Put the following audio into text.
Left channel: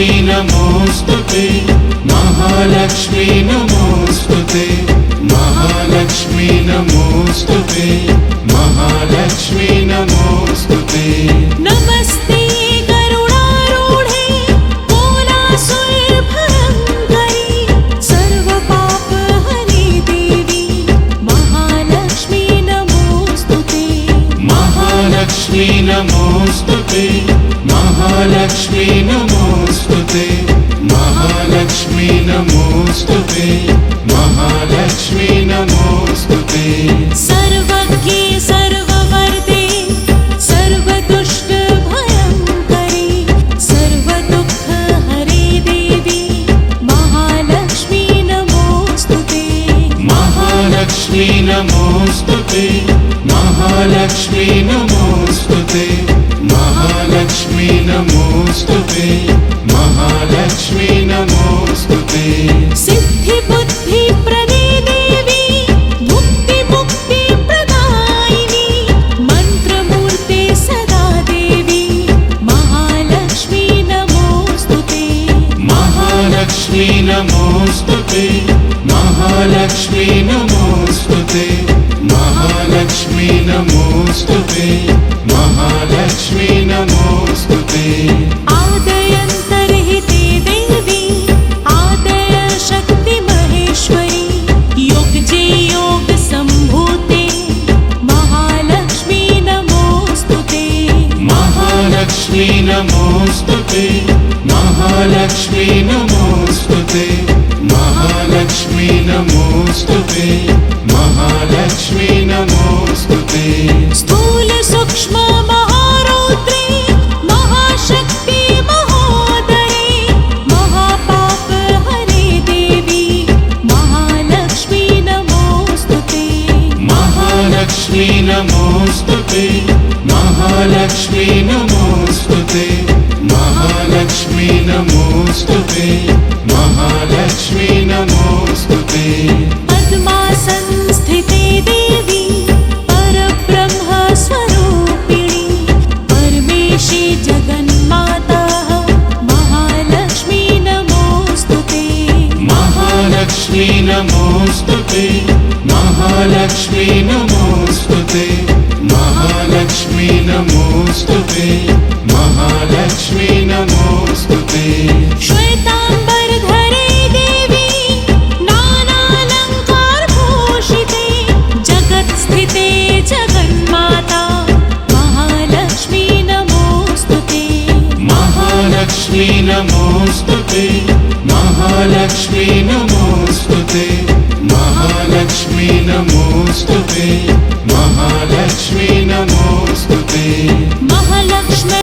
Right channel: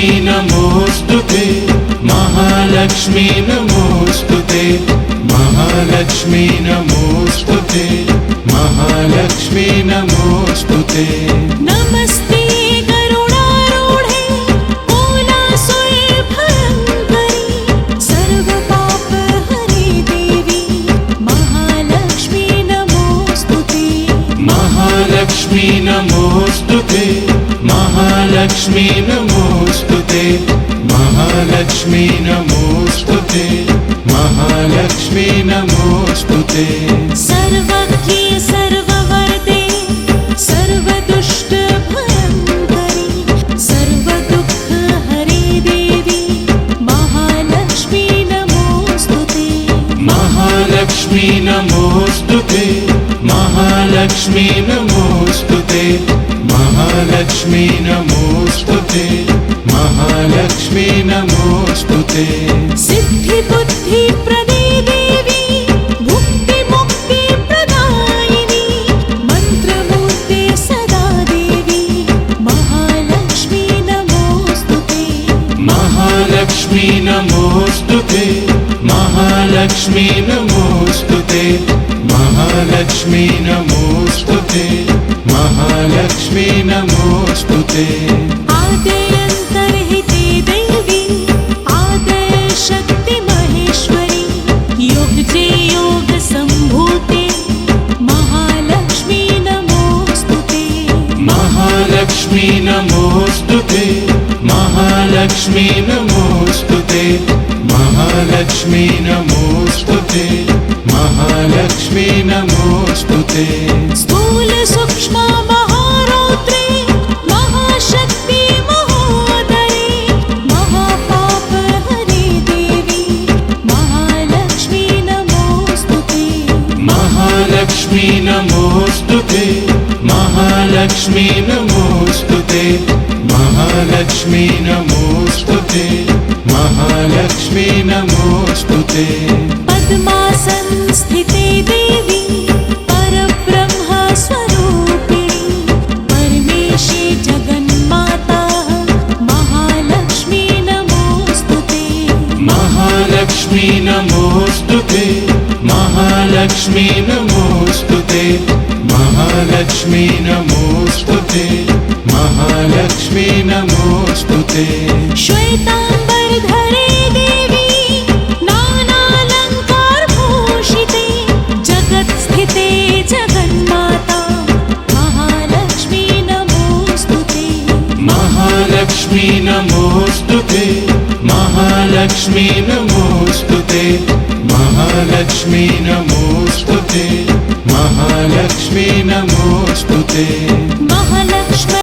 महालक्ष्मी नमोस्तुते महालक्ष्मी नमोस्तुते महालक्ष्मी नमोस्तुते महालक्ष्मी नमोस्तुते नमस्ते करुणारूढे कोलासुरभयङ्करी सर्वपापहरे देवी महालक्ष्मी नमोस्तुते महालक्ष्मी नमोस्तुते महालक्ष्मी नमोस्तुते महालक्ष्मी नमोस्तुते महालक्ष्मी नमोस्तुते सर्वज्ञे सर्ववरदे सर्वदुष्टभयङ्करी सर्वदुःखहरे देवी महालक्ष्मी नमोस्तुते महालक्ष्मी नमोस्तुते महालक्ष्मी नमोस्तुते महालक्ष्मी नमोस्तुते महालक्ष्मी नमोस्तुते सिद्धिबुद्धिप्रदे देवी मुक्तिमुक्तिप्रदायिनी मन्त्रमूर्ते सदा देवी महालक्ष्मी नमोस्तुते महालक्ष्मी नमोस्तुते महालक्ष्मी नमोस्तुते महालक्ष्मी नमोस्तुते महालक्ष्मी नमोस्तुते आदयन्तर्हिते देवी आदयशक्ति महेश्वरी योगजे योगसम्भूते महालक्ष्मी नमोस्तुते महालक्ष्मी नमोस्तुते महालक्ष्मी नमोस्तुते महालक्ष्मी नमोस्तुते महालक्ष्मी नमोस्तुते स्थूलसूक्ष्म महारौद्री महाशक्ति महोदरी महापापहरे देवी महालक्ष्मी नमोस्तुते महालक्ष्मी नमोस्तुते महालक्ष्मी नमोस्तुते महालक्ष्मी नमोस्तुते महालक्ष्मी नमोस्तुते पद्मासनस्थिते देवी परब्रह्मस्वरूपिणी परमेशी जगन्माता महालक्ष्मी नमोस्तुते महालक्ष्मी नमोस्तुते महालक्ष्मी नमोस्तुते महालक्ष्मी नमोस्तुते महालक्ष्मी नमोस्तुते श्वेताम्बरधरे देवी नानालङ्कारभूषिते जगत्स्थिते जगन्माता महालक्ष्मी नमोस्तुते महालक्ष्मी नमोस्तुते महालक्ष्मी नमोस्तुते महालक्ष्मी नमोस्तुते महालक्ष्मी नमोस्तुते महालक्ष्मी